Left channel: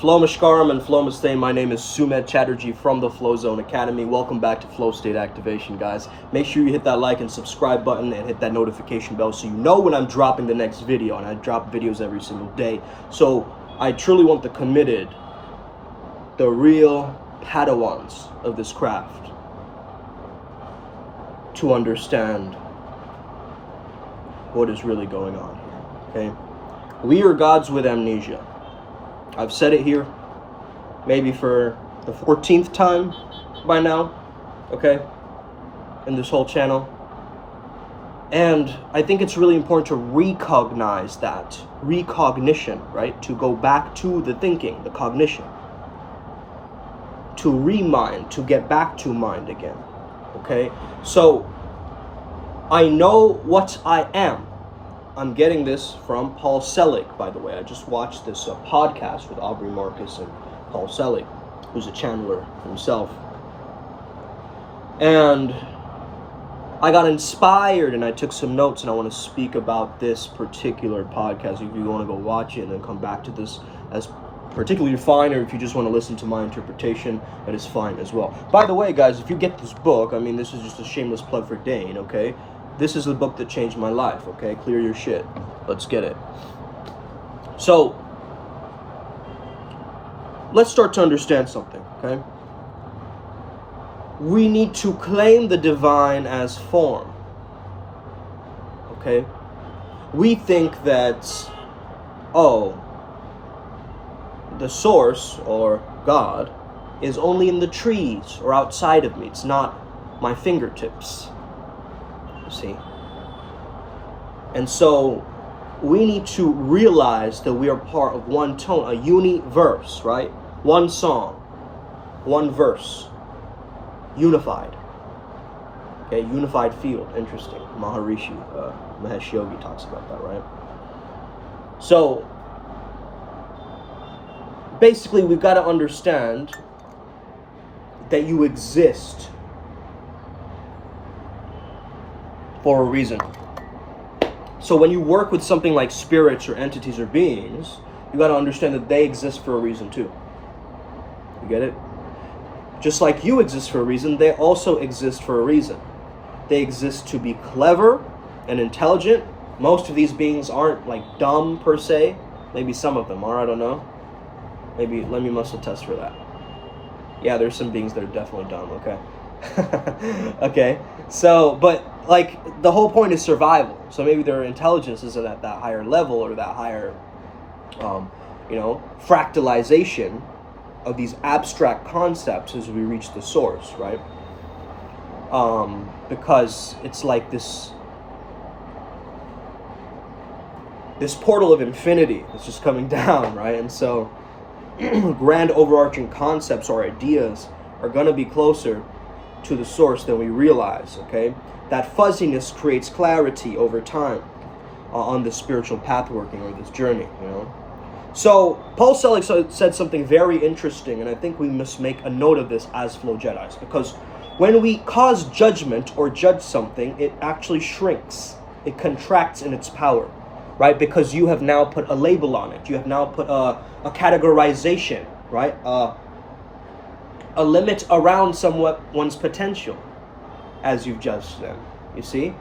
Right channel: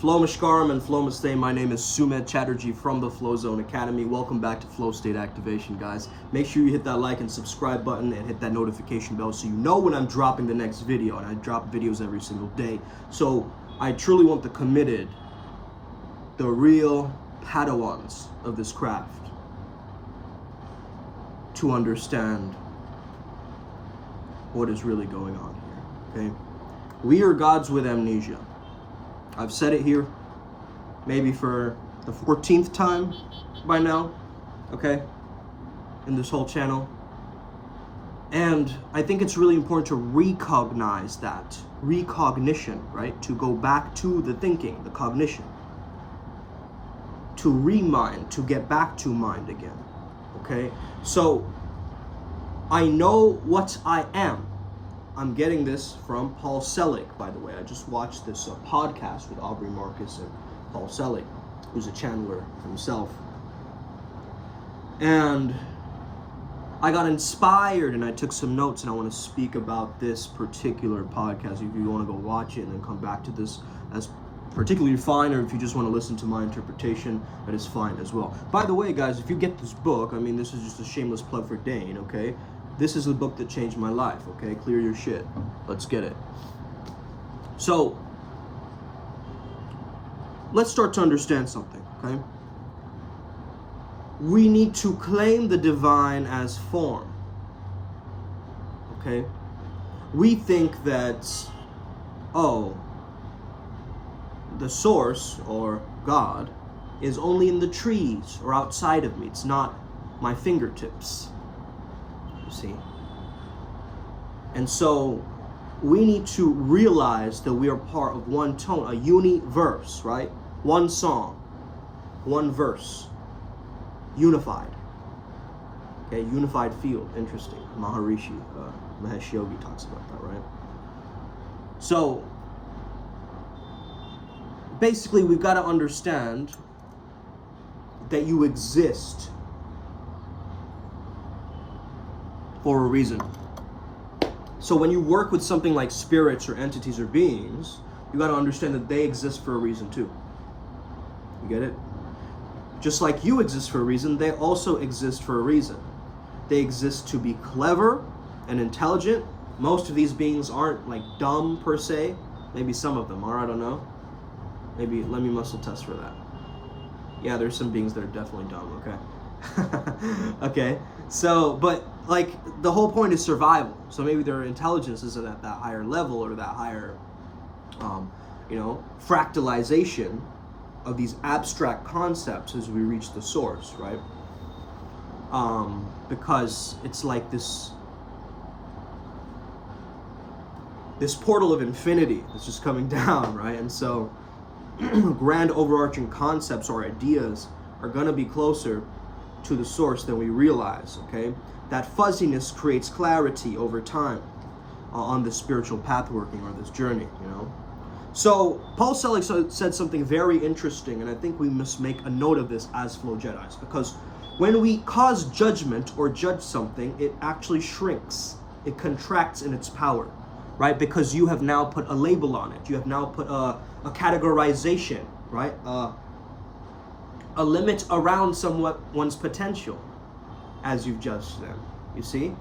Flow Mashkaram and Flow Mustay. My name is Sumed Chatterjee from the Flow Zone Academy. Welcome back to Flow State Activation, guys. Make sure you hit that like and subscribe button and hit that notification bell so you know when I'm dropping the next video. And I drop videos every single day. So I truly want the committed, the real Padawans of this craft to understand what is really going on here, okay? We are gods with amnesia. I've said it here, maybe for the 14th time by now, okay, in this whole channel. And I think it's really important to recognize that, recognition, right? To go back to the thinking, the cognition. To remind, to get back to mind again, okay? So, I know what I am. I'm getting this from Paul Selig, by the way. I just watched this podcast with Aubrey Marcus and Paul Selig, who's a channeler himself. And I got inspired and I took some notes, and I want to speak about this particular podcast. If you want to go watch it and then come back to this, as particularly fine, or if you just want to listen to my interpretation, that is fine as well. By the way, guys, if you get this book, I mean, this is just a shameless plug for Dane, okay? This is the book that changed my life, okay? Clear your shit. Let's get it. So, let's start to understand something, okay? We need to claim the divine as form, okay? We think that, oh, the source, or God, is only in the trees or outside of me. It's not my fingertips. See? And so we need to realize that we are part of one tone, a universe, right? One song, one verse, unified. Okay, unified field. Interesting. Maharishi, Mahesh Yogi talks about that, right? So basically, we've got to understand that you exist for a reason. So when you work with something like spirits or entities or beings, you got to understand that they exist for a reason too. You get it? Just like you exist for a reason, they also exist for a reason. They exist to be clever and intelligent. Most of these beings aren't like dumb per se. Maybe some of them are, I don't know. Maybe let me muscle test for that. Yeah, there's some beings that are definitely dumb, okay? Okay, so, but like the whole point is survival. So maybe their intelligence isn't at that higher level, or that higher, fractalization of these abstract concepts as we reach the source, right? Because it's like this portal of infinity that's just coming down, right? And so grand overarching concepts or ideas are going to be closer to the source than we realize, okay? That fuzziness creates clarity over time on the spiritual path working, or this journey, you know? So Paul Selig said something very interesting, and I think we must make a note of this as Flow Jedis, because when we cause judgment or judge something, it actually shrinks. It contracts in its power, right? Because you have now put a label on it. You have now put a categorization, right? A limit around someone's potential as you've judged them, you see?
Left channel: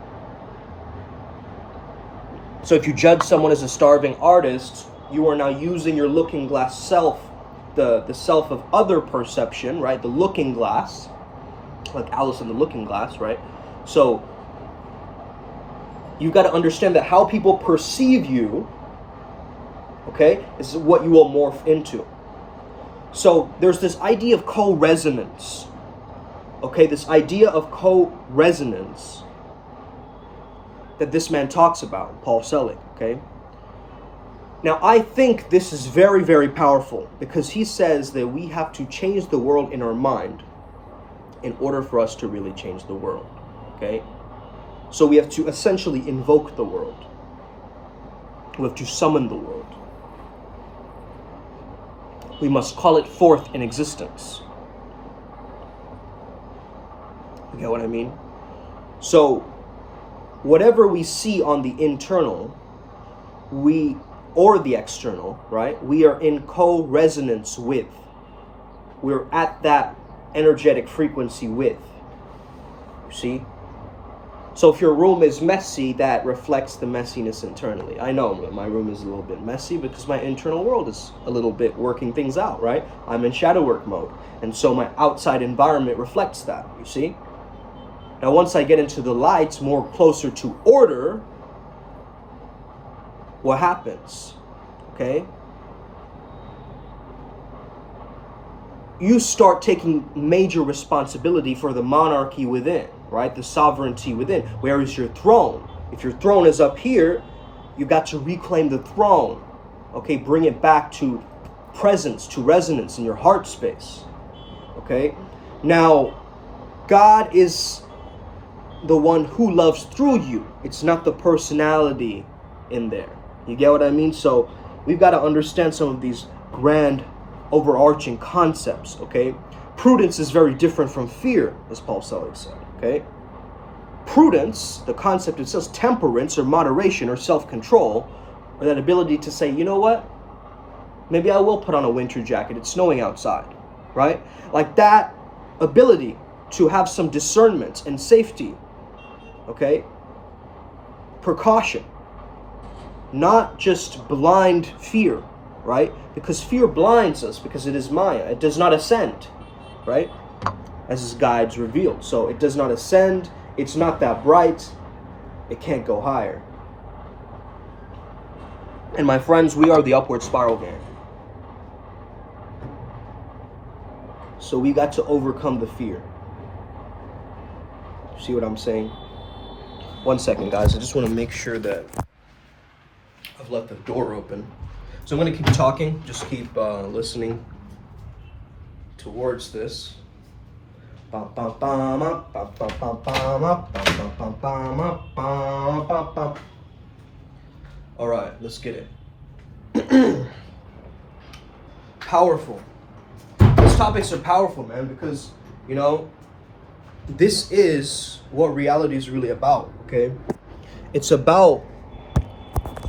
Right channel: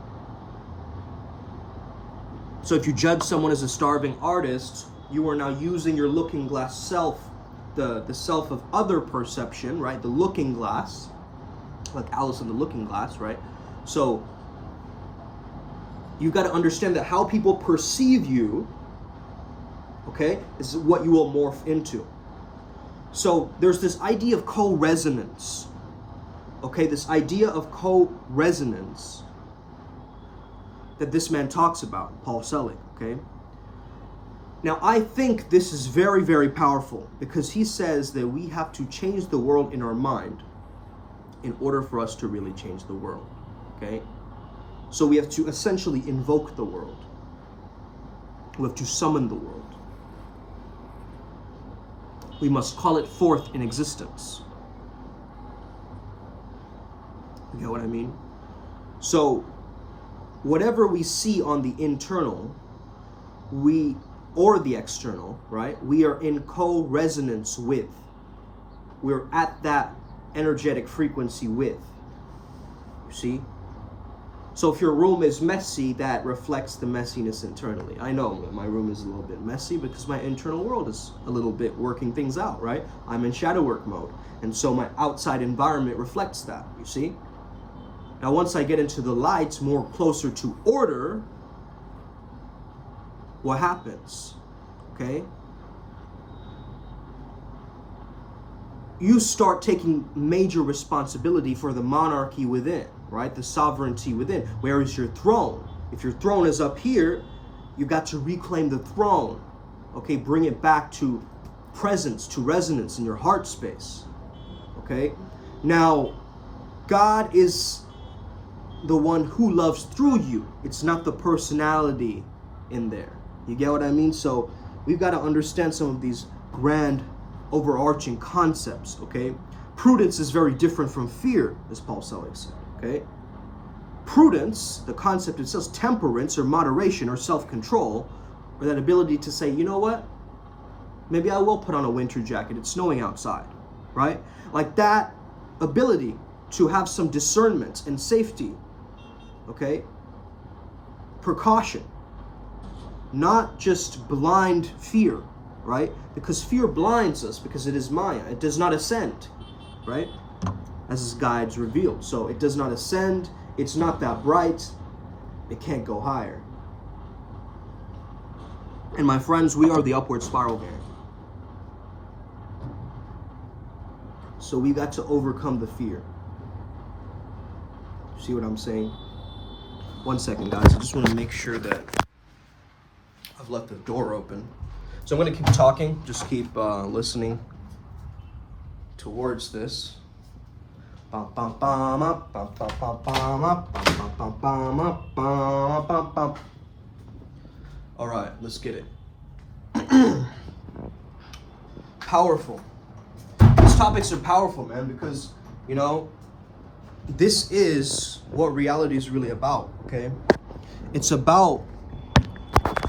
So if you judge someone as a starving artist, you are now using your looking glass self, the self of other perception, right? The looking glass, like Alice in the Looking Glass, right? So you've got to understand that how people perceive you, okay, is what you will morph into. So there's this idea of CoResonance, okay, this idea of CoResonance that this man talks about, Paul Selig, okay? Now, I think this is very, very powerful, because he says that we have to change the world in our mind in order for us to really change the world, okay? So we have to essentially invoke the world. We have to summon the world. We must call it forth in existence. You get what I mean? So, whatever we see on the internal, we or the external, right? We are in co-resonance with. We're at that energetic frequency with. You see? So if your room is messy, that reflects the messiness internally. I know my room is a little bit messy because my internal world is a little bit working things out, right? I'm in shadow work mode. And so my outside environment reflects that, you see? Now, once I get into the lights, more closer to order, what happens? Okay? You start taking major responsibility for the monarchy within, right? The sovereignty within. Where is your throne? If your throne is up here, you got to reclaim the throne. Okay, bring it back to presence, to resonance in your heart space. Okay? Now, God is the one who loves through you. It's not the personality in there. You get what I mean? So we've got to understand some of these grand overarching concepts, okay? Prudence is very different from fear, as Paul Selig said, okay? Prudence, the concept itself, temperance or moderation or self-control, or that ability to say, you know what? Maybe I will put on a winter jacket. It's snowing outside, right? Like that ability to have some discernment and safety, okay? Precaution, not just blind fear, right? Because fear blinds us because it is Maya. It does not ascend, right? As his guides revealed. So it does not ascend. It's not that bright. It can't go higher. And my friends, we are the upward spiral gang. So we got to overcome the fear. See what I'm saying? 1 second, guys. I just want to make sure that I've left the door open. So I'm going to keep talking. Just keep listening towards this. All right, let's get it. Powerful. These topics are powerful, man, because, you know, this is what reality is really about, okay? It's about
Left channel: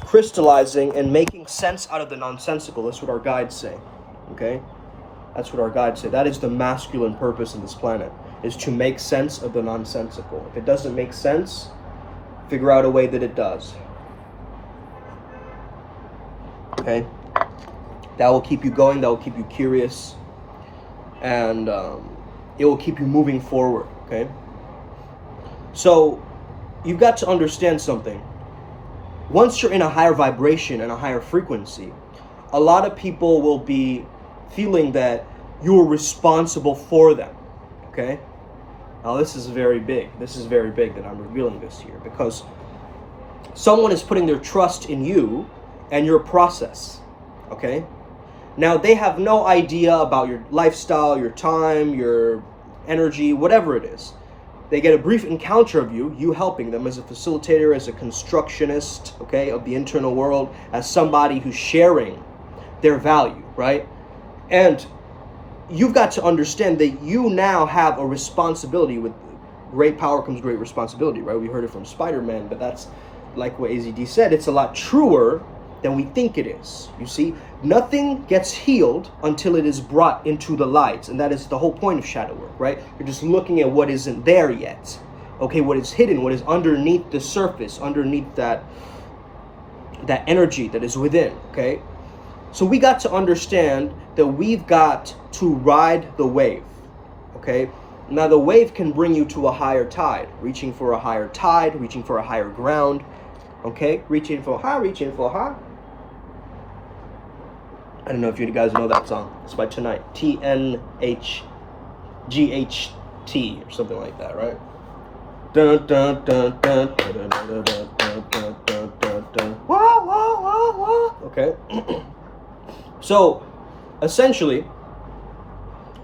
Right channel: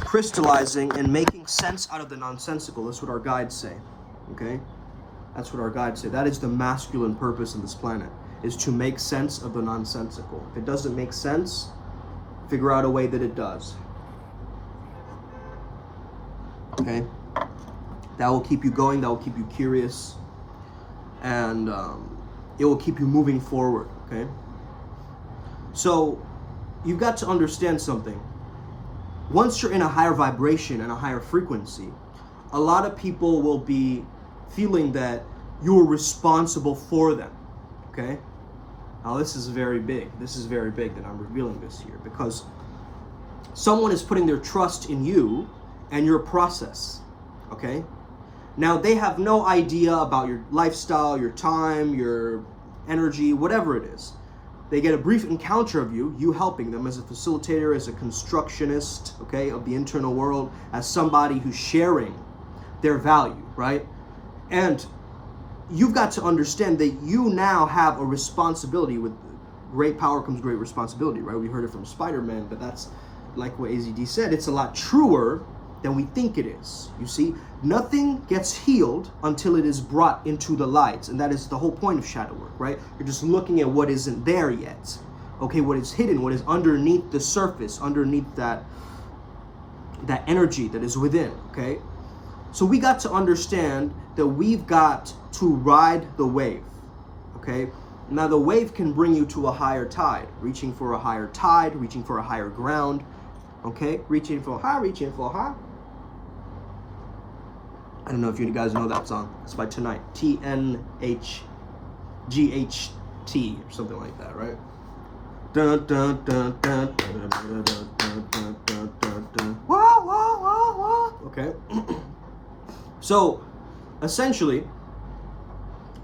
crystallizing and making sense out of the nonsensical. That's what our guides say, okay? That's what our guides say. That is the masculine purpose of this planet, is to make sense of the nonsensical. If it doesn't make sense, figure out a way that it does. Okay? That will keep you going, that will keep you curious, and it will keep you moving forward, okay? So, you've got to understand something. Once you're in a higher vibration and a higher frequency, a lot of people will be feeling that you're responsible for them, okay? Now this is very big. This is very big that I'm revealing this here, because someone is putting their trust in you and your process, okay? Now they have no idea about your lifestyle, your time, your energy, whatever it is. They get a brief encounter of you helping them as a facilitator, as a constructionist, okay, of the internal world, as somebody who's sharing their value, right? And you've got to understand that you now have a responsibility. With great power comes great responsibility, right? We heard it from Spider-Man, but that's like what AZD said. It's a lot truer than we think it is. You see, nothing gets healed until it is brought into the light. And that is the whole point of shadow work, right? You're just looking at what isn't there yet. Okay, what is hidden, what is underneath the surface, underneath that energy that is within, okay? So we got to understand that we've got to ride the wave, okay? Now the wave can bring you to a higher tide, reaching for a higher tide, reaching for a higher ground, okay? Reaching for high, reaching for high. I don't know if you guys know that song. It's by Tonight. TNHGHT or something like that, right? Dun dun dun dun dun dun dun dun dun dun dun dun. Wah, wah, wah, wah. Okay. So, essentially,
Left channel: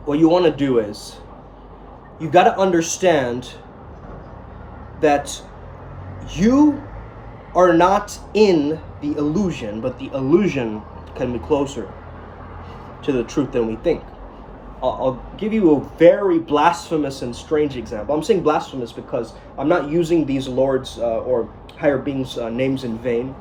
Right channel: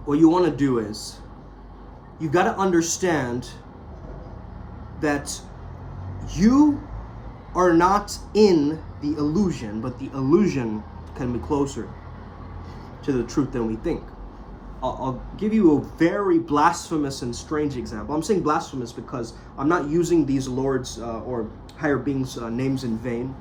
what you want to do is, you've got to understand that you are not in the illusion, but the illusion can be closer to the truth than we think. I'll give you a very blasphemous and strange example. I'm saying blasphemous because I'm not using these lords or higher beings' names in vain.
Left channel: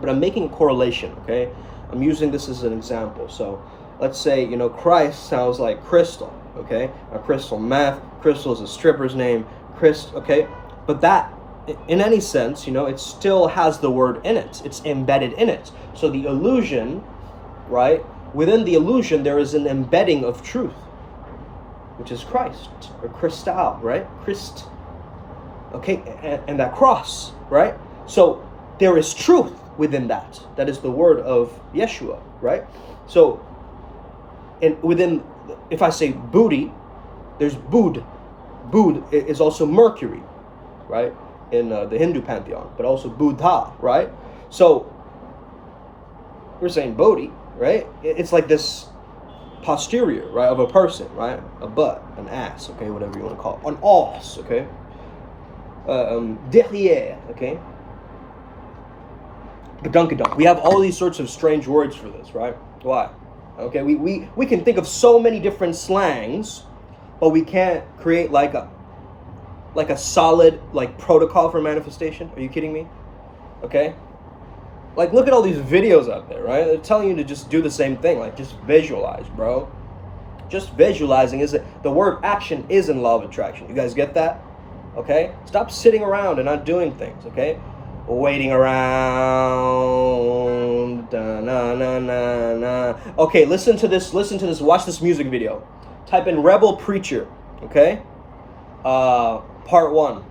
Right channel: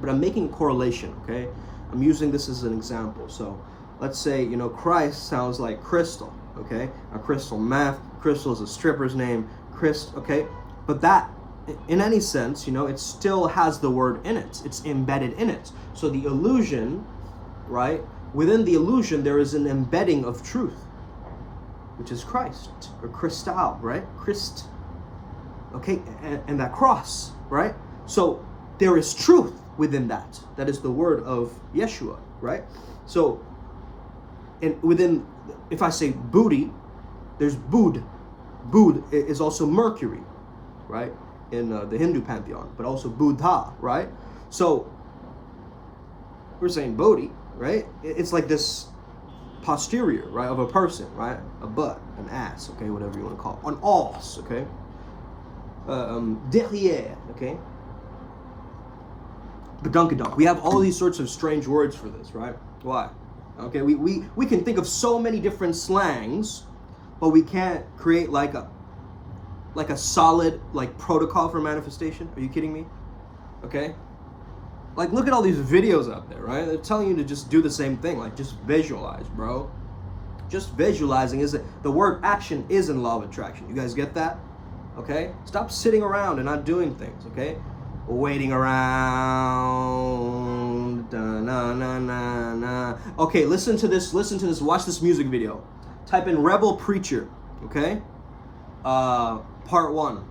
But I'm making a correlation, okay? I'm using this as an example. So let's say, Christ sounds like crystal, okay? A crystal meth, crystal is a stripper's name, okay? But that, in any sense, it still has the word in it. It's embedded in it. So the illusion, right? Within the illusion, there is an embedding of truth, which is Christ, or Christal, right? Christ, okay? And that cross, right? So there is truth within that. That is the word of Yeshua, right? So, if I say booty, there's Bud. Bud is also Mercury, right? In the Hindu pantheon, but also Buddha, right? So, we're saying Bodhi, right? It's like this posterior, right, of a person, right? A butt, an ass, okay, whatever you want to call it. An os, okay? Derrière, okay? Badunkadunk. We have all these sorts of strange words for this, right? Why? Okay, we can think of so many different slangs, but we can't create like a solid protocol for manifestation. Are you kidding me? Okay? Like, look at all these videos out there, right? They're telling you to just do the same thing. Like, just visualize, bro. Just visualizing the word action is in law of attraction. You guys get that? Okay? Stop sitting around and not doing things, okay? Waiting around. Da, na, na, na, na. Okay, listen to this. Watch this music video. Type in Rebel Preacher, okay? Part 1.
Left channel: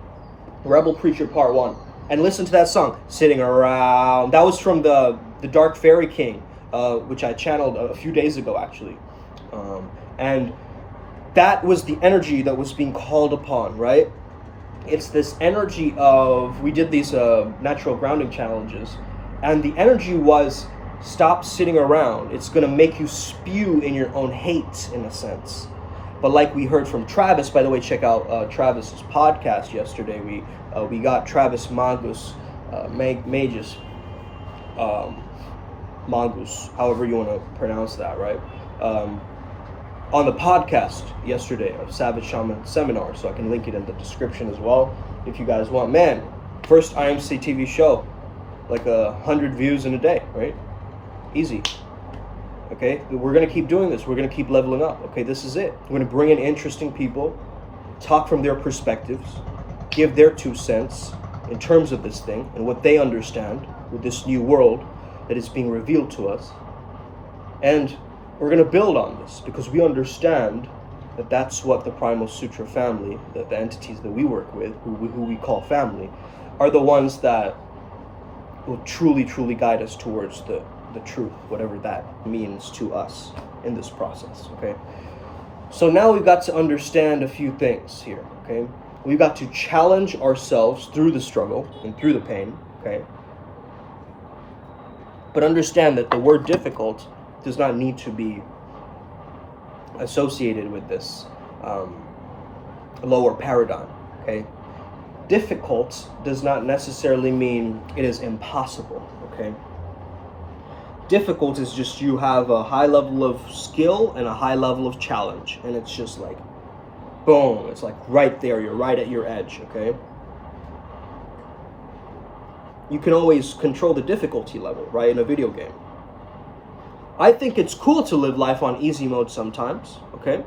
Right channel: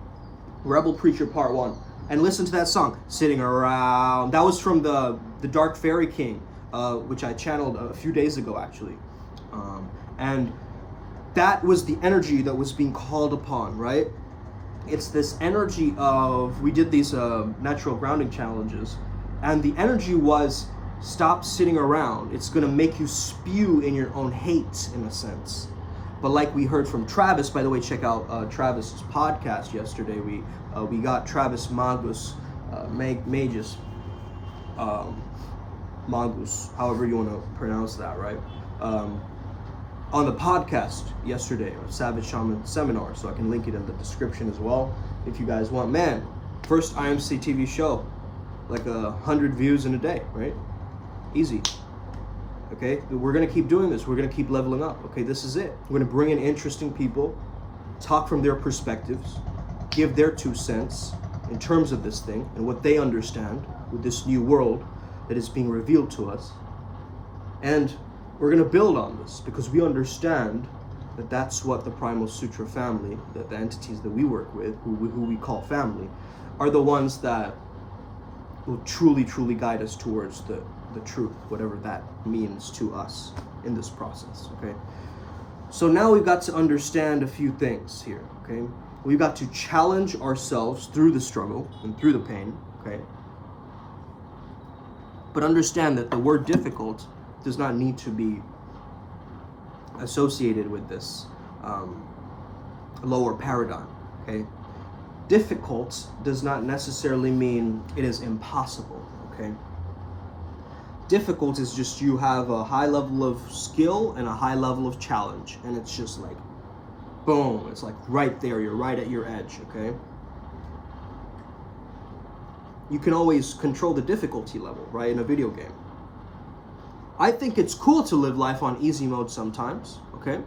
Rebel Preacher Part 1. And listen to that song, Sitting Around. That was from the Dark Fairy King, which I channeled a few days ago, actually. And that was the energy that was being called upon, right? It's this energy of, we did these natural grounding challenges, and the energy was, stop sitting around. It's going to make you spew in your own hate, in a sense. But like we heard from Travis, by the way, check out Travis's podcast yesterday. We got Travis Magus, Magus, Magus, however you want to pronounce that, right? On the podcast yesterday of Savage Shaman Seminar, so I can link it in the description as well if you guys want. Man, first IMC TV show, like 100 views in a day, right? Easy. Okay, we're going to keep doing this. We're going to keep leveling up. Okay, this is it. We're going to bring in interesting people, talk from their perspectives, give their 2 cents in terms of this thing and what they understand with this new world that is being revealed to us. And we're going to build on this because we understand that that's what the Primal Sutra family, the entities that we work with, who we call family, are the ones that will truly, truly guide us towards the truth, whatever that means to us in this process, okay? So now we've got to understand a few things here, okay? We've got to challenge ourselves through the struggle and through the pain, okay? But understand that the word difficult does not need to be associated with this lower paradigm, okay? Difficult does not necessarily mean it is impossible, okay? Difficult is just you have a high level of skill and a high level of challenge, and it's just like boom, it's like right there, you're right at your edge, okay? You can always control the difficulty level, right, in a video game. I think it's cool to live life on easy mode sometimes, okay?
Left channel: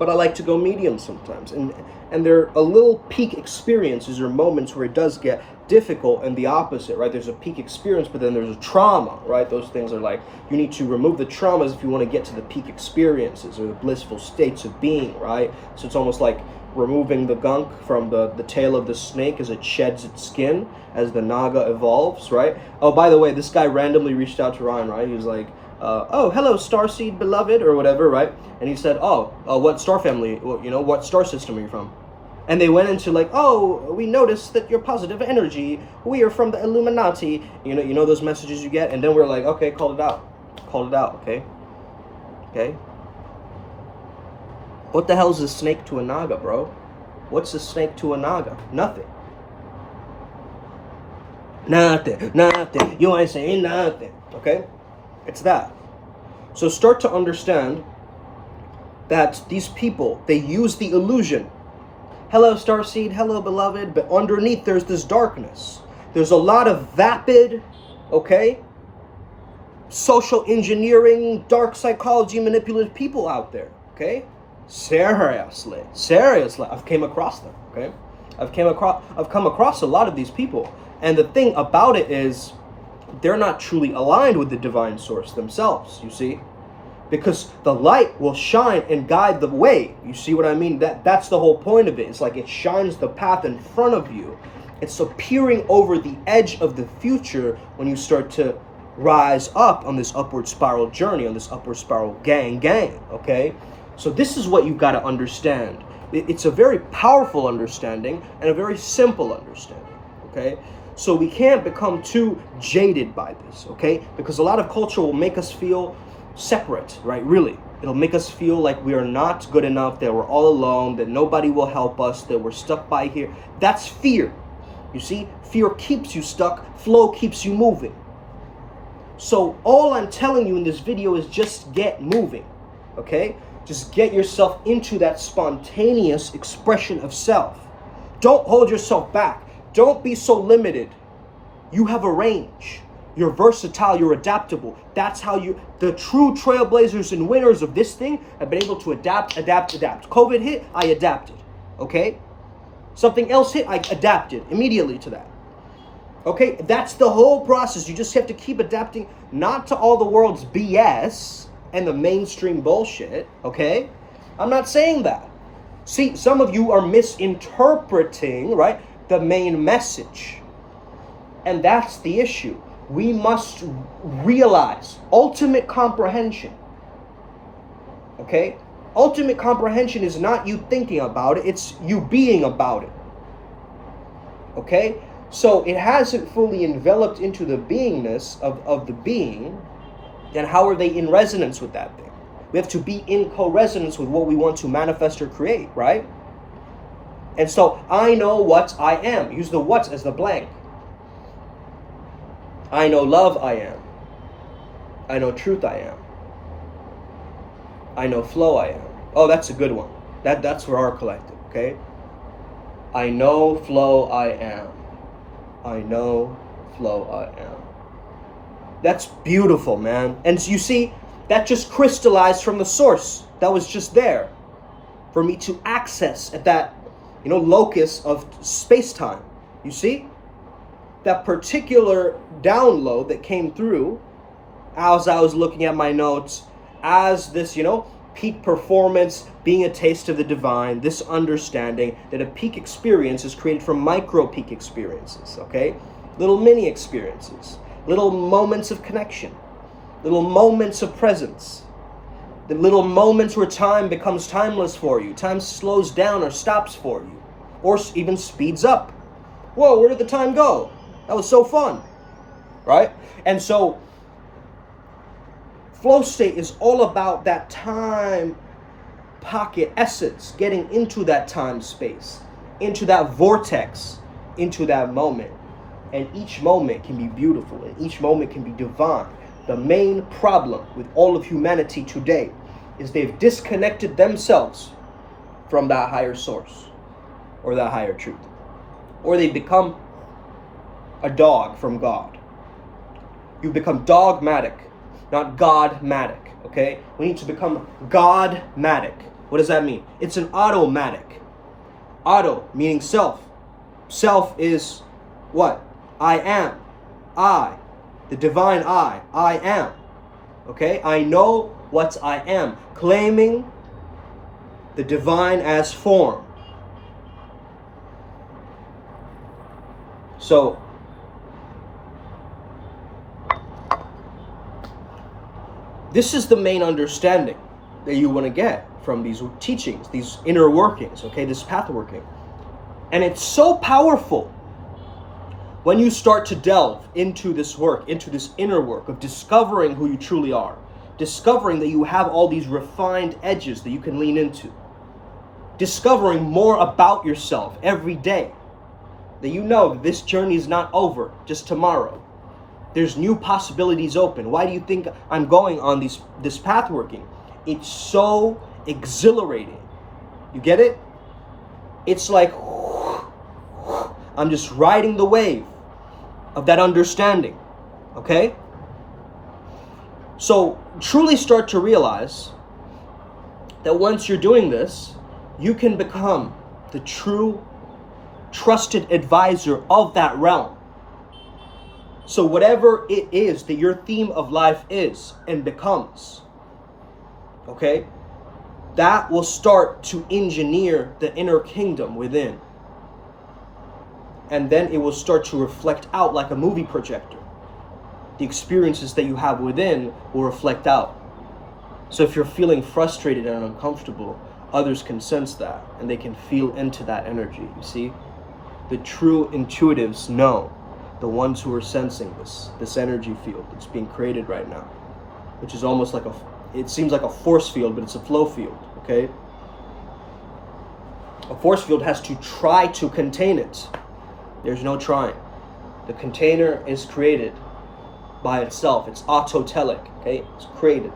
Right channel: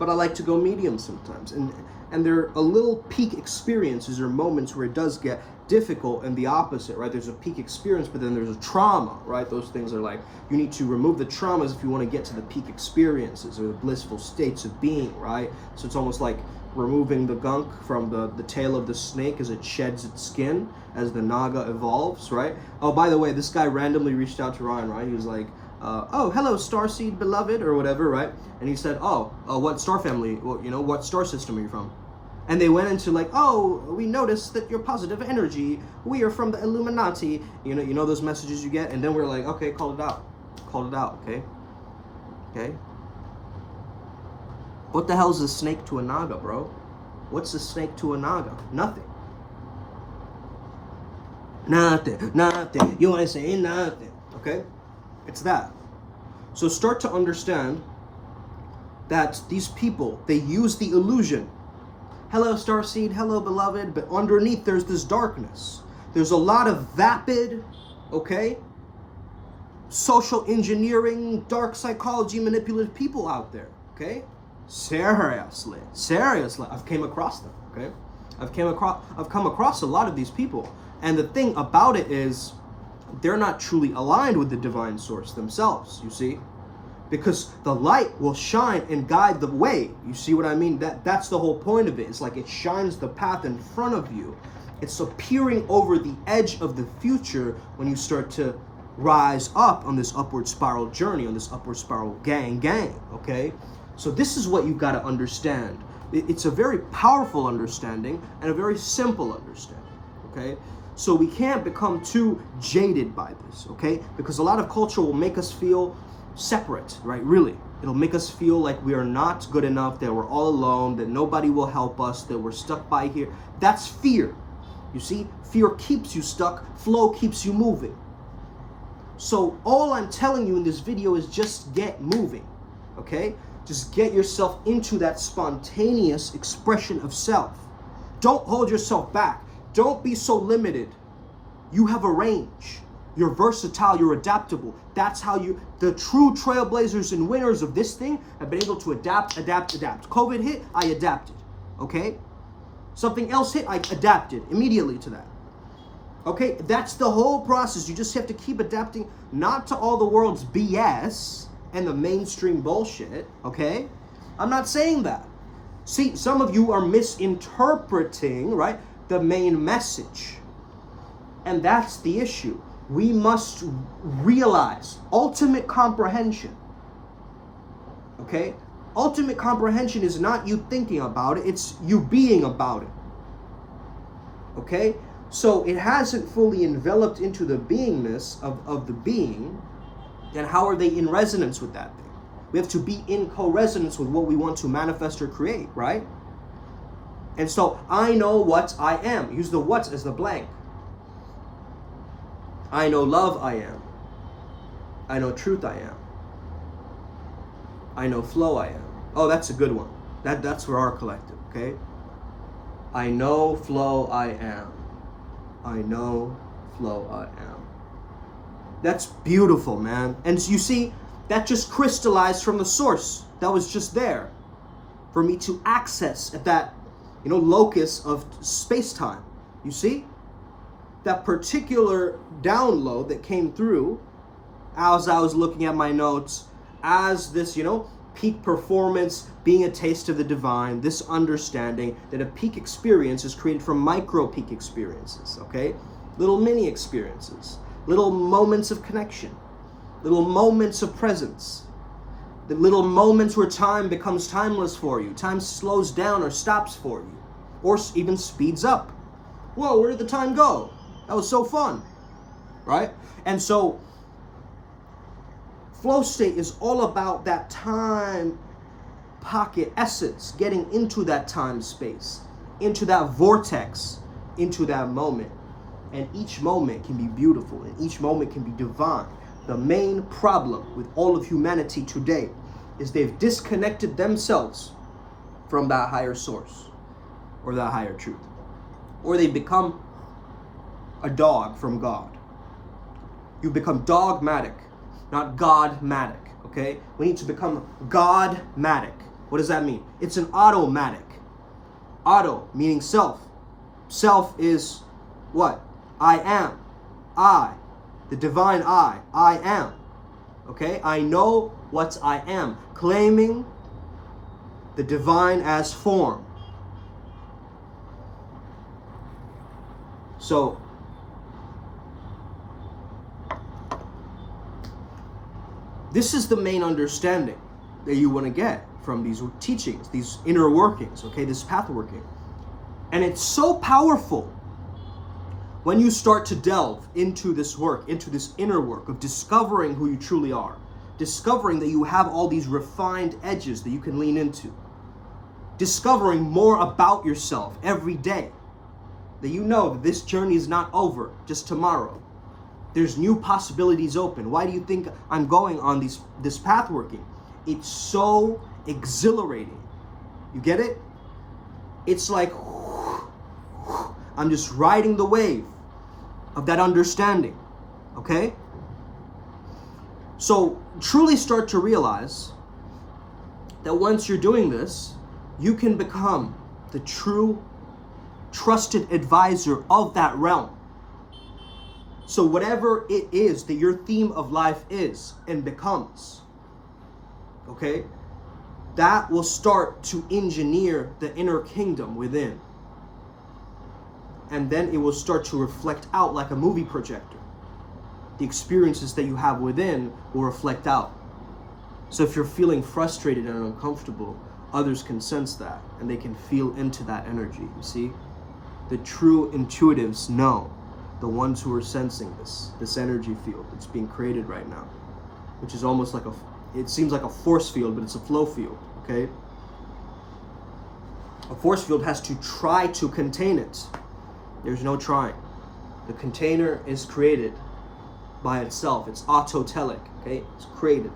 But I like to go medium sometimes, and there are a little peak experiences or moments where it does get difficult and the opposite, right? There's a peak experience, but then there's a trauma, right? Those things are like, you need to remove the traumas if you want to get to the peak experiences or the blissful states of being, right? So it's almost like removing the gunk from the tail of the snake as it sheds its skin, as the naga evolves, right? Oh, by the way, this guy randomly reached out to Ryan, right? He was like, oh, hello, starseed beloved, or whatever, right? And he said, what star family, what star system are you from? And they went into like, oh, we noticed that you're positive energy. We are from the Illuminati. You know those messages you get? And then we're like, okay, called it out, okay? Okay? What the hell is a snake to a naga, bro? What's a snake to a naga? Nothing. Nothing. You ain't saying nothing, okay? It's that. So start to understand that these people, they use the illusion. Hello, starseed. Hello, beloved. But underneath, there's this darkness. There's a lot of vapid okay? Social engineering, dark psychology, manipulative people out there, okay? Seriously, I've came across them, okay? I've come across a lot of these people, and the thing about it is, they're not truly aligned with the divine source themselves, you see? Because the light will shine and guide the way. You see what I mean? That's the whole point of it. It's like it shines the path in front of you. It's appearing over the edge of the future when you start to rise up on this upward spiral journey, on this upward spiral gang, okay? So this is what you've got to understand. It's a very powerful understanding and a very simple understanding, okay? So we can't become too jaded by this, okay? Because a lot of culture will make us feel separate, right? Really. It'll make us feel like we are not good enough, that we're all alone, that nobody will help us, that we're stuck by here. That's fear. You see? Fear keeps you stuck. Flow keeps you moving. So all I'm telling you in this video is just get moving, okay? Just get yourself into that spontaneous expression of self. Don't hold yourself back. Don't be so limited. You have a range. You're versatile, you're adaptable. That's how the true trailblazers and winners of this thing have been able to adapt. COVID hit, I adapted, okay? Something else hit, I adapted immediately to that. Okay, that's the whole process. You just have to keep adapting, not to all the world's BS and the mainstream bullshit, okay? I'm not saying that. See, some of you are misinterpreting, right, the main message. And that's the issue. We must realize ultimate comprehension, okay? Ultimate comprehension is not you thinking about it, it's you being about it, okay? So it hasn't fully enveloped into the beingness of the being, then how are they in resonance with that thing? We have to be in co-resonance with what we want to manifest or create, right? And so I know what I am. Use the what as the blank. I know love I am. I know truth I am. I know flow I am. Oh, that's a good one. That's for our collective, okay? I know flow I am. I know flow I am. That's beautiful, man. And you see, that just crystallized from the source. That was just there for me to access at that, locus of space-time. You see? That particular download that came through as I was looking at my notes, as this, peak performance being a taste of the divine, this understanding that a peak experience is created from micro peak experiences, okay? Little mini experiences, little moments of connection, little moments of presence, the little moments where time becomes timeless for you, time slows down or stops for you, or even speeds up. Whoa, where did the time go? That was so fun, right? And so flow state is all about that time pocket essence, getting into that time space, into that vortex, into that moment. And each moment can be beautiful, and each moment can be divine. The main problem with all of humanity today is they've disconnected themselves from that higher source or that higher truth. Or they become a dog from God. You become dogmatic, not godmatic, okay? We need to become godmatic. What does that mean? It's an automatic. Auto, meaning self. Self is what? I am. I. The divine I am. Okay? I know what I am. Claiming the divine as form. So, this is the main understanding that you want to get from these teachings, these inner workings, okay, this path working. And it's so powerful when you start to delve into this work, into this inner work of discovering who you truly are, discovering that you have all these refined edges that you can lean into, discovering more about yourself every day, that you know that this journey is not over just tomorrow. There's new possibilities open. Why do you think I'm going on this path working? It's so exhilarating. You get it? It's like I'm just riding the wave of that understanding. Okay? So truly start to realize that once you're doing this, you can become the true trusted advisor of that realm. So whatever it is that your theme of life is and becomes, okay, that will start to engineer the inner kingdom within. And then it will start to reflect out like a movie projector. The experiences that you have within will reflect out. So if you're feeling frustrated and uncomfortable, others can sense that and they can feel into that energy, you see? The true intuitives know, the ones who are sensing this energy field that's being created right now, which is almost like it seems like a force field, but it's a flow field, okay? A force field has to try to contain it. There's no trying. The container is created by itself. It's autotelic, okay? It's created,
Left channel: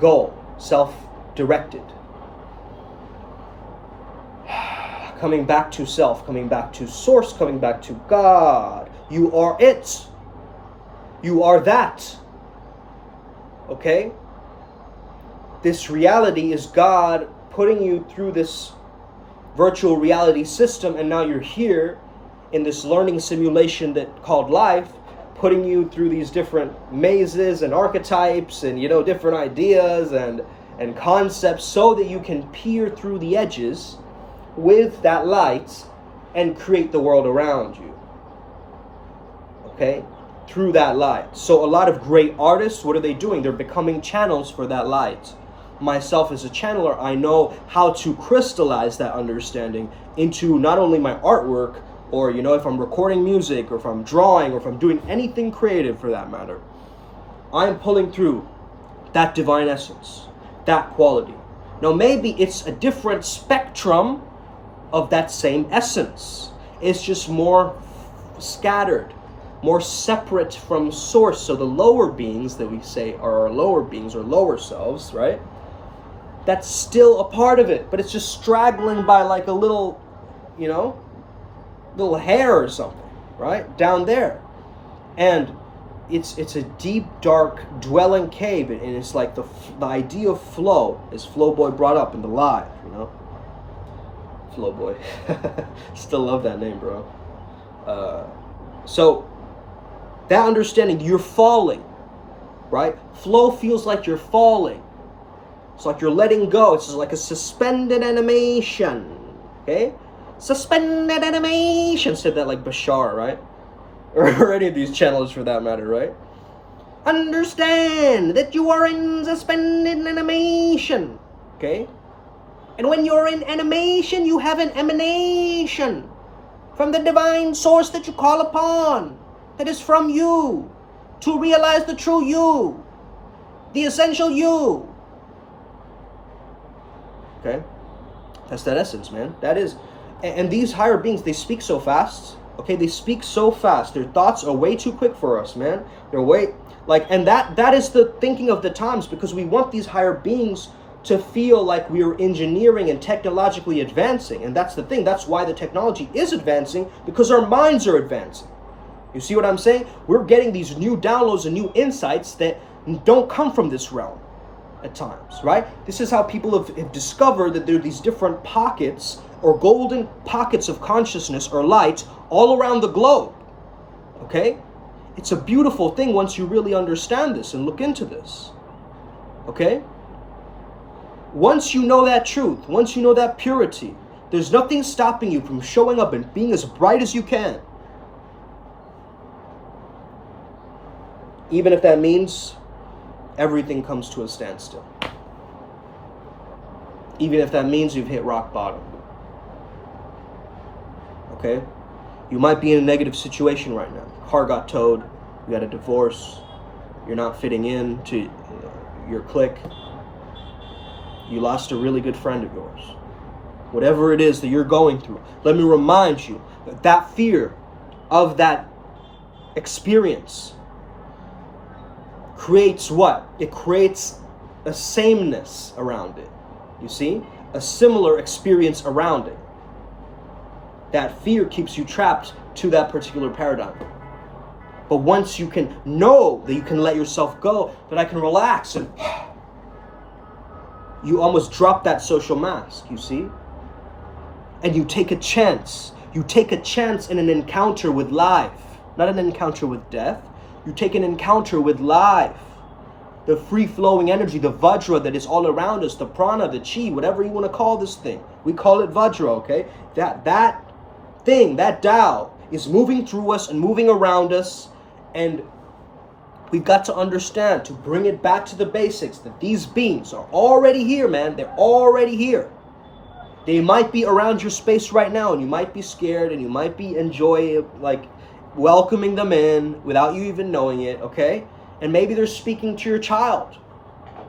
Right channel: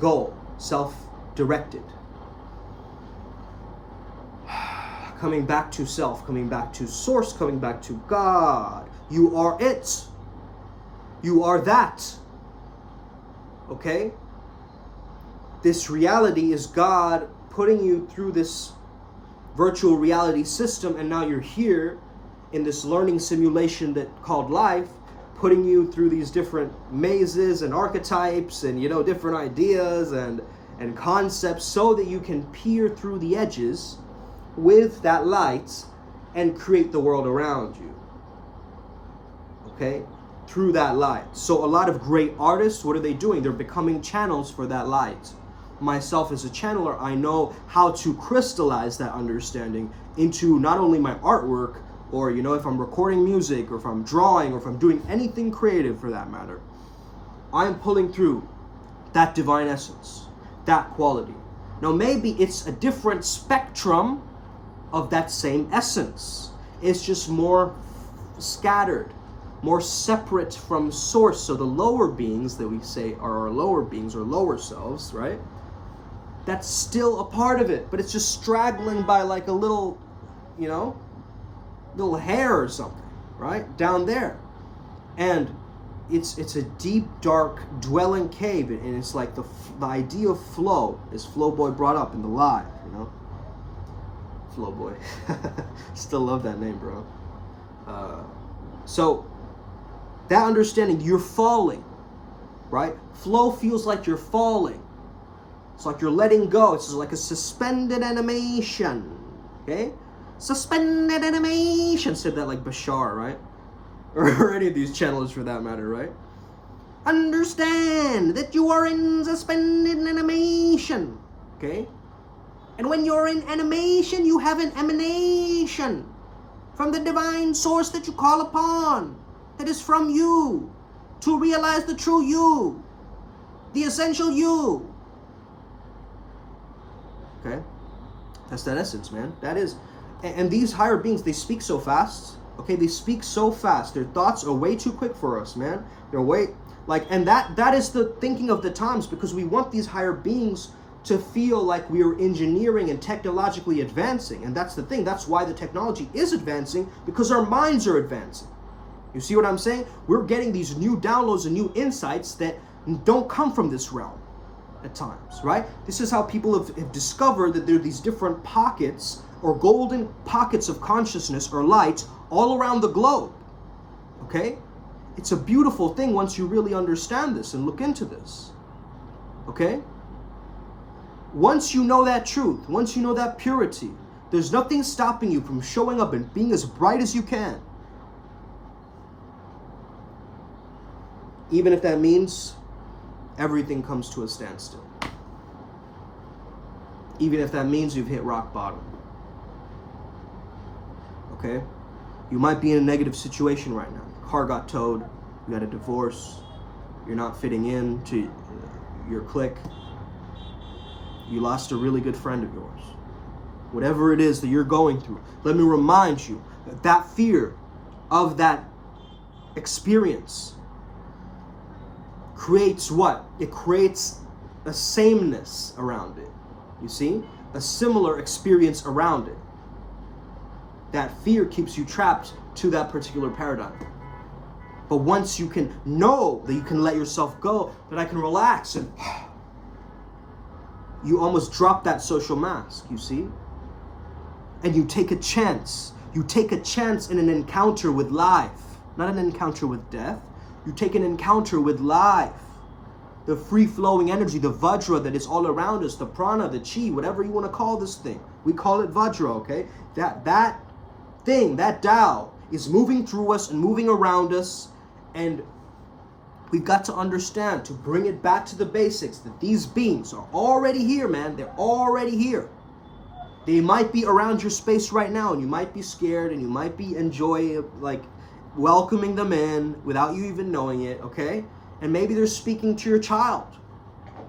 goal, self-directed. Coming back to self, coming back to source, coming back to God. You are it. You are that. Okay? This reality is God putting you through this virtual reality system, and now you're here in this learning simulation that called life, putting you through these different mazes and archetypes and different ideas and concepts so that you can peer through the edges with that light and create the world around you. Okay? Through that light. So a lot of great artists, what are they doing? They're becoming channels for that light. Myself as a channeler, I know how to crystallize that understanding into not only my artwork, or if I'm recording music, or if I'm drawing, or if I'm doing anything creative for that matter. I am pulling through that divine essence, that quality. Now maybe it's a different spectrum of that same essence. It's just more scattered, more separate from source. So the lower beings that we say are our lower beings or lower selves, right? That's still a part of it, but it's just straggling by like a little, little hair or something, right? Down there. And it's a deep, dark, dwelling cave, and it's like the idea of flow, as Flow Boy brought up in the live, Flow Boy. Still love that name, bro. So that understanding, you're falling, right? Flow feels like you're falling. It's like you're letting go. It's like a suspended animation, okay? Suspended animation. Said that like Bashar, right? Or any of these channels for that matter, right? Understand that you are in suspended animation, okay? And when you're in animation, you have an emanation from the divine source that you call upon, that is from you, to realize the true you, the essential you. Okay? That's that essence, man. That is. And these higher beings, they speak so fast. Okay? They speak so fast. Their thoughts are way too quick for us, man. They're way... and that is the thinking of the times, because we want these higher beings to feel like we're engineering and technologically advancing. And that's the thing. That's why the technology is advancing, because our minds are advancing. You see what I'm saying? We're getting these new downloads and new insights that don't come from this realm at times, right? This is how people have discovered that there are these different pockets or golden pockets of consciousness or light all around the globe, okay? It's a beautiful thing once you really understand this and look into this, okay? Once you know that truth, once you know that purity, there's nothing stopping you from showing up and being as bright as you can. Even if that means everything comes to a standstill. Even if that means you've hit rock bottom. Okay? You might be in a negative situation right now. Your car got towed, you got a divorce, you're not fitting in to your clique, you lost a really good friend of yours. Whatever it is that you're going through, let me remind you that that fear of that experience creates what? It creates a sameness around it. You see? A similar experience around it. That fear keeps you trapped to that particular paradigm. But once you can know that you can let yourself go, that I can relax, and you almost drop that social mask, you see? And you take a chance. You take a chance in an encounter with life. Not an encounter with death. You take an encounter with life. The free-flowing energy, the Vajra that is all around us, the prana, the chi, whatever you want to call this thing. We call it Vajra, okay? That thing, that Tao, is moving through us and moving around us. And we've got to understand, to bring it back to the basics, that these beings are already here, man. They're already here. They might be around your space right now, and you might be scared, and you might be welcoming them in without you even knowing it, okay? And maybe they're speaking to your child,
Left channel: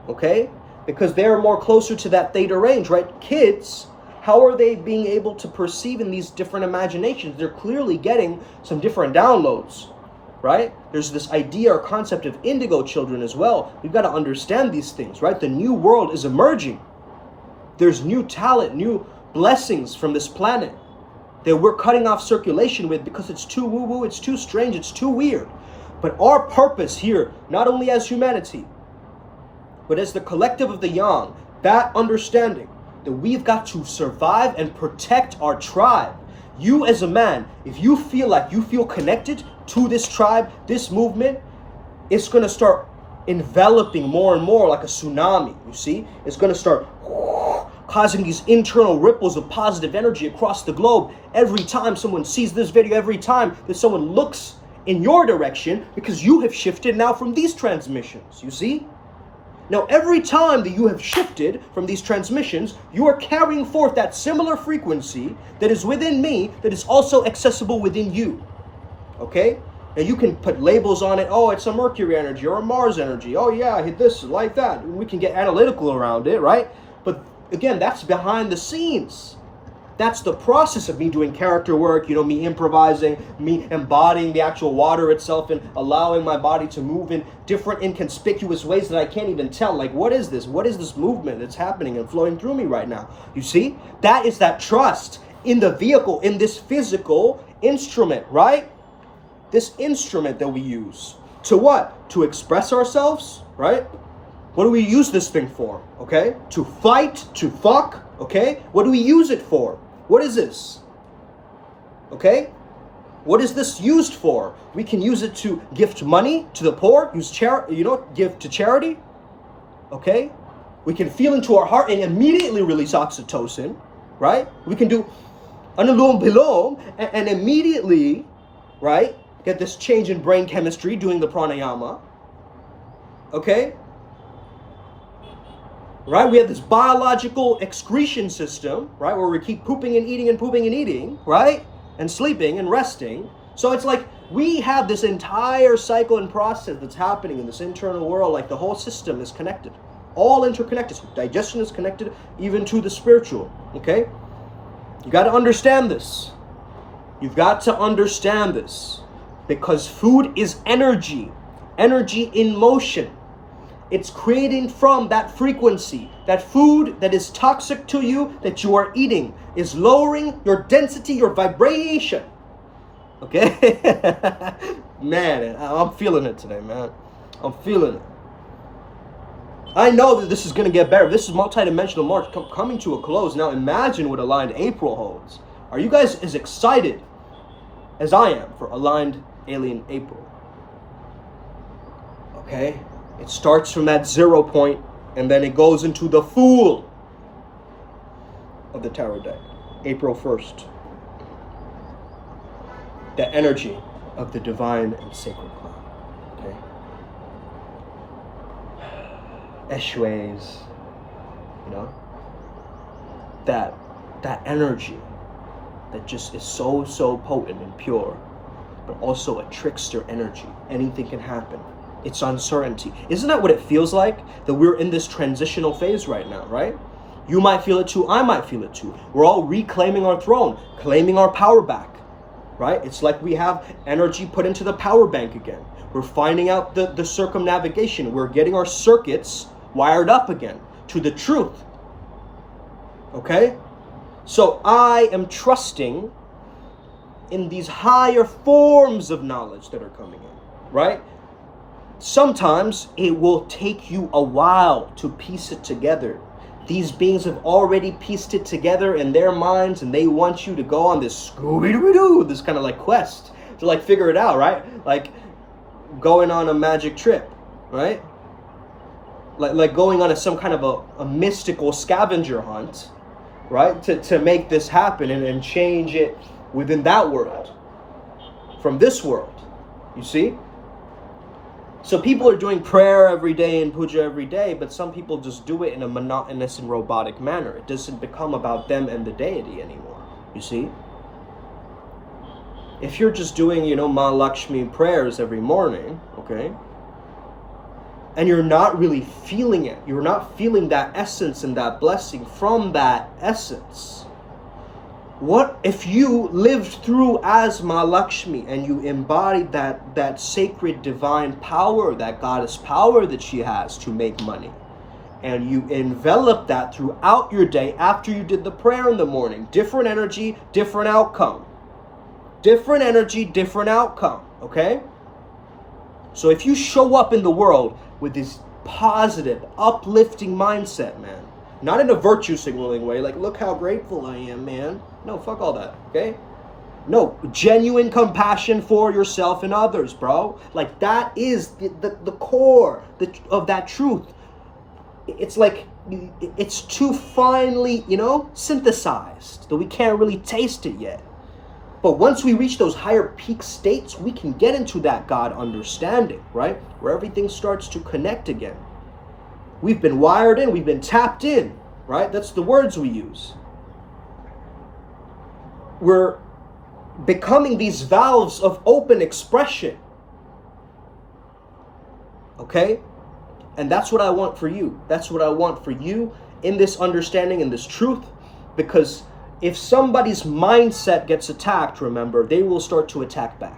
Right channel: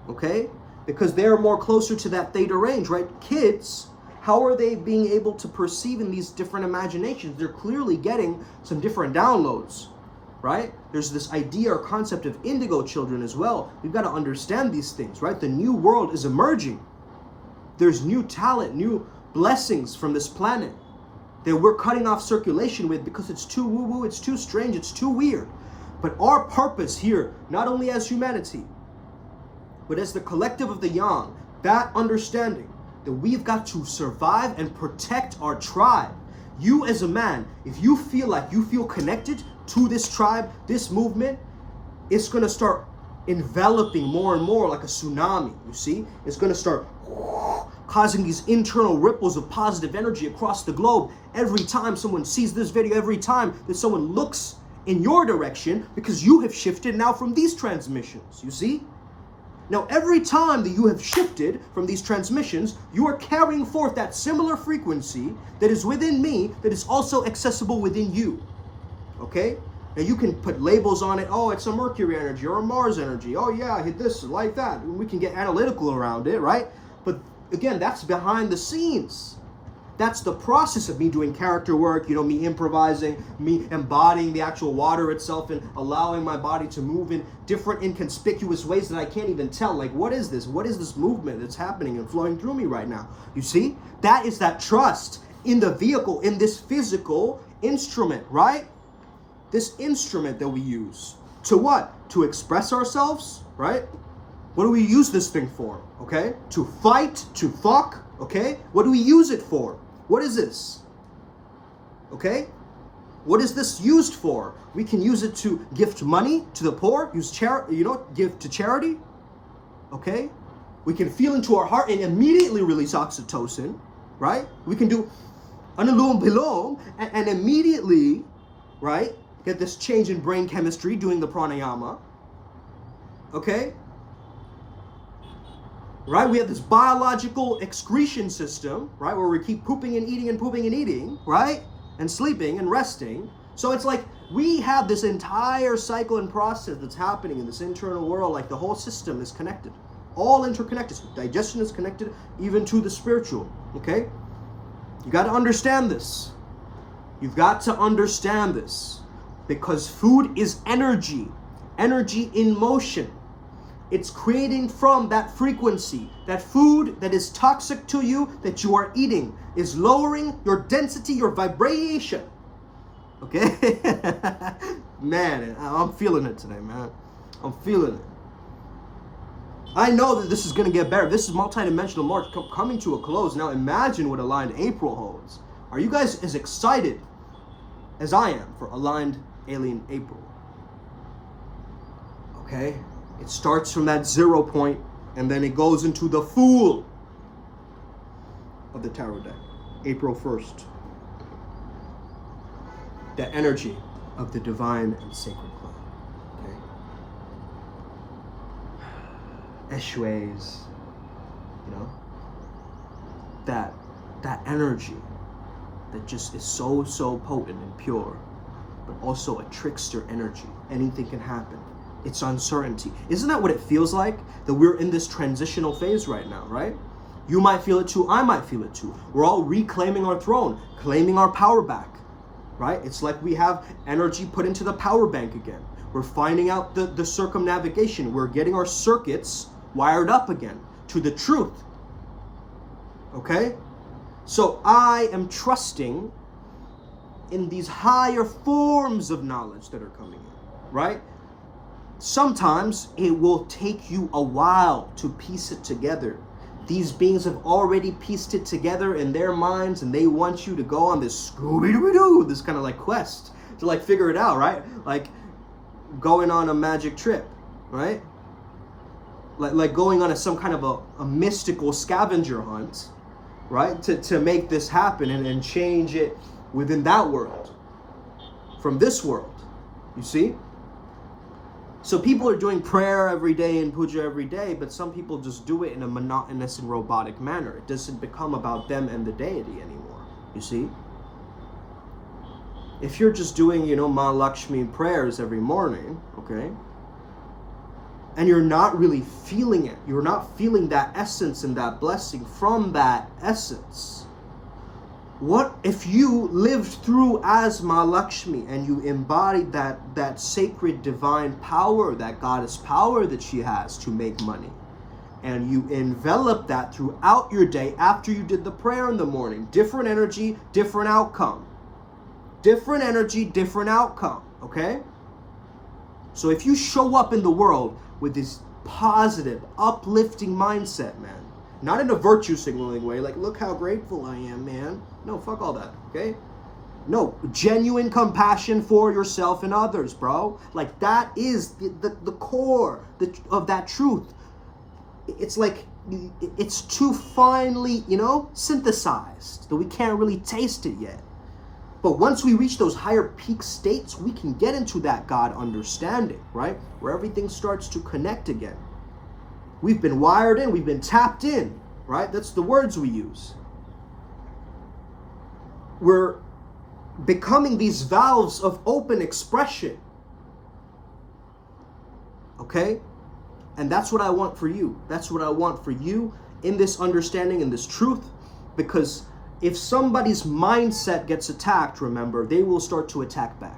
okay? Because they're more closer to that theta range, right? Kids, how are they being able to perceive in these different imaginations? They're clearly getting some different downloads, right? There's this idea or concept of indigo children as well. We've got to understand these things, right? The new world is emerging. There's new talent, new blessings from this planet that we're cutting off circulation with because it's too woo-woo, it's too strange, it's too weird. But our purpose here, not only as humanity, but as the collective of the yang, that understanding that we've got to survive and protect our tribe. You as a man, if you feel connected to this tribe, this movement, it's going to start enveloping more and more like a tsunami, you see? It's going to start causing these internal ripples of positive energy across the globe every time someone sees this video, every time that someone looks in your direction, because you have shifted now from these transmissions, you see? Now, every time that you have shifted from these transmissions, you are carrying forth that similar frequency that is within me, that is also accessible within you, okay? Now, you can put labels on it. Oh, it's a Mercury energy or a Mars energy. Oh, yeah, I hit this like that. We can get analytical around it, right? But again, that's behind the scenes. That's the process of me doing character work, me improvising, me embodying the actual water itself and allowing my body to move in different inconspicuous ways that I can't even tell. Like, what is this? What is this movement that's happening and flowing through me right now? You see? That is that trust in the vehicle, in this physical instrument, right? This instrument that we use. To what? To express ourselves, right? What do we use this thing for? Okay? To fight, to fuck, okay? What do we use it for? What is this? Okay? What is this used for? We can use it to gift money to the poor, give to charity. Okay? We can feel into our heart and immediately release oxytocin, right? We can do anulom bilom and immediately, right, get this change in brain chemistry doing the pranayama. Okay? Right? We have this biological excretion system, right? Where we keep pooping and eating, right? And sleeping and resting. So it's like we have this entire cycle and process that's happening in this internal world. Like the whole system is connected. All interconnected. So digestion is connected even to the spiritual, okay? You got to understand this. You've got to understand this. Because food is energy. Energy in motion. It's creating from that frequency. That food that is toxic to you, that you are eating, is lowering your density, your vibration. Okay? Man, I'm feeling it today, man. I'm feeling it. I know that this is going to get better. This is multidimensional March coming to a close. Now imagine what aligned April holds. Are you guys as excited as I am for aligned alien April? Okay? It starts from that 0 point, and then it goes into the Fool of the tarot deck, April 1st. The energy of the divine and sacred cloud. Okay? Eshues, that energy that just is so potent and pure, but also a trickster energy. Anything can happen. It's uncertainty. Isn't that what it feels like? That we're in this transitional phase right now, right? You might feel it too. I might feel it too. We're all reclaiming our throne, claiming our power back, right? It's like we have energy put into the power bank again. We're finding out the circumnavigation. We're getting our circuits wired up again to the truth. Okay? So I am trusting in these higher forms of knowledge that are coming in. right? Sometimes it will take you a while to piece it together. These beings have already pieced it together in their minds, and they want you to go on this Scooby-Doo, this kind of like quest to like figure it out, right? Like going on a magic trip, right? Like going on some kind of a mystical scavenger hunt, right? To make this happen and change it within that world, from this world, you see? So people are doing prayer every day and puja every day, but some people just do it in a monotonous and robotic manner. It doesn't become about them and the deity anymore, you see? If you're just doing, Ma Lakshmi prayers every morning, okay, and you're not really feeling it, you're not feeling that essence and that blessing from that essence, what if you lived through as Ma Lakshmi and you embodied that sacred divine power, that goddess power that she has to make money, and you envelop that throughout your day after you did the prayer in the morning? Different energy, different outcome. Different energy, different outcome, okay? So if you show up in the world with this positive, uplifting mindset, man, not in a virtue signaling way, like, look how grateful I am, man. No, fuck all that, okay? No, genuine compassion for yourself and others, bro. Like, that is the core of that truth. It's like, it's too finely, synthesized that we can't really taste it yet. But once we reach those higher peak states, we can get into that God understanding, right? Where everything starts to connect again. We've been wired in, we've been tapped in, right? That's the words we use. We're becoming these valves of open expression. Okay? And that's what I want for you. That's what I want for you in this understanding, in this truth. Because if somebody's mindset gets attacked, remember, they will start to attack back.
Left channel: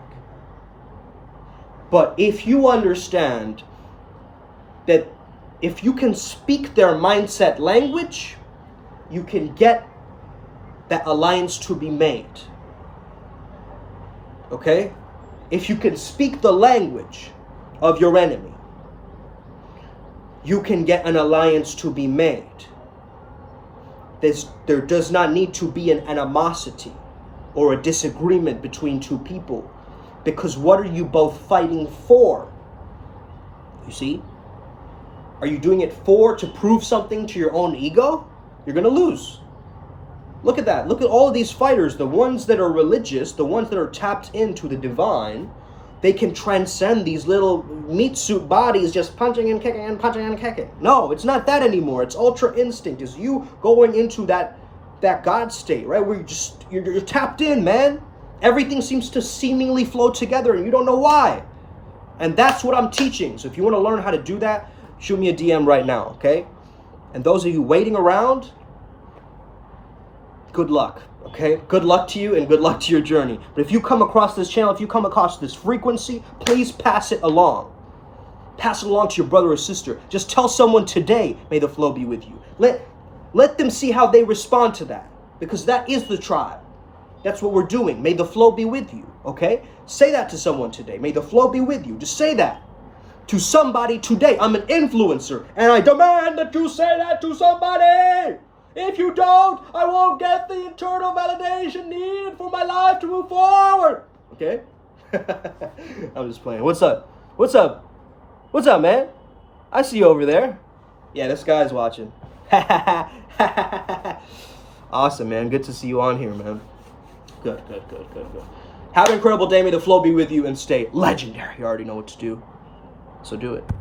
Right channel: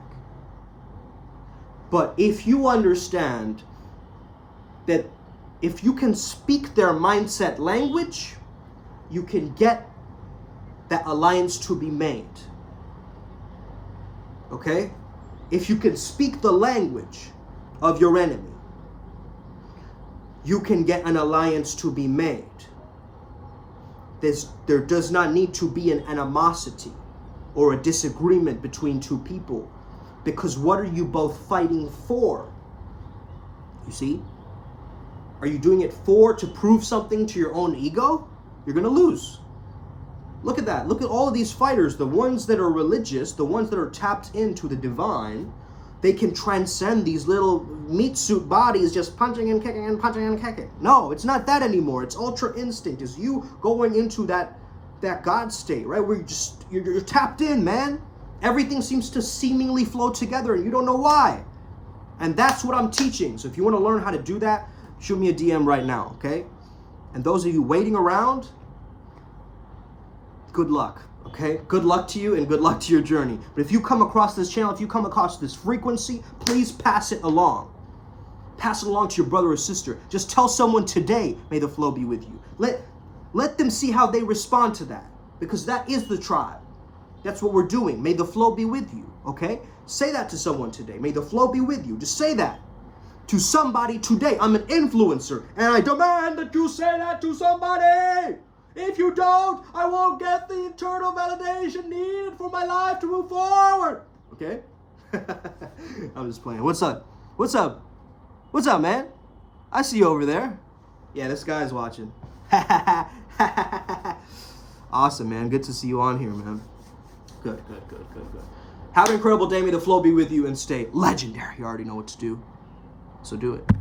But if you understand that if you can speak their mindset language, you can get that alliance to be made. Okay? If you can speak the language of your enemy, you can get an alliance to be made. There does not need to be an animosity or a disagreement between two people, because what are you both fighting for? You see? Are you doing it to prove something to your own ego? You're going to lose. Look at that. Look at all of these fighters, the ones that are religious, the ones that are tapped into the divine. They can transcend these little meat suit bodies just punching and kicking and punching and kicking. No, it's not that anymore. It's ultra instinct. It's you going into that God state, right? Where you're tapped in, man. Everything seems to seemingly flow together and you don't know why. And that's what I'm teaching. So if you want to learn how to do that, shoot me a DM right now, okay? And those of you waiting around, good luck. Okay, good luck to you and good luck to your journey. But if you come across this channel, if you come across this frequency, please pass it along. Pass it along to your brother or sister. Just tell someone today, may the flow be with you. Let them see how they respond to that, because that is the tribe. That's what we're doing. May the flow be with you, okay? Say that to someone today. May the flow be with you. Just say that to somebody today. I'm an influencer, and I demand that you say that to somebody. If you don't, I won't get the internal validation needed for my life to move forward. Okay? I'm just playing. What's up? What's up? What's up, man? I see you over there. Yeah, this guy's watching. Awesome, man. Good to see you on here, man. Good. Have an incredible day. May the flow be with you and stay legendary. You already know what to do. So do it.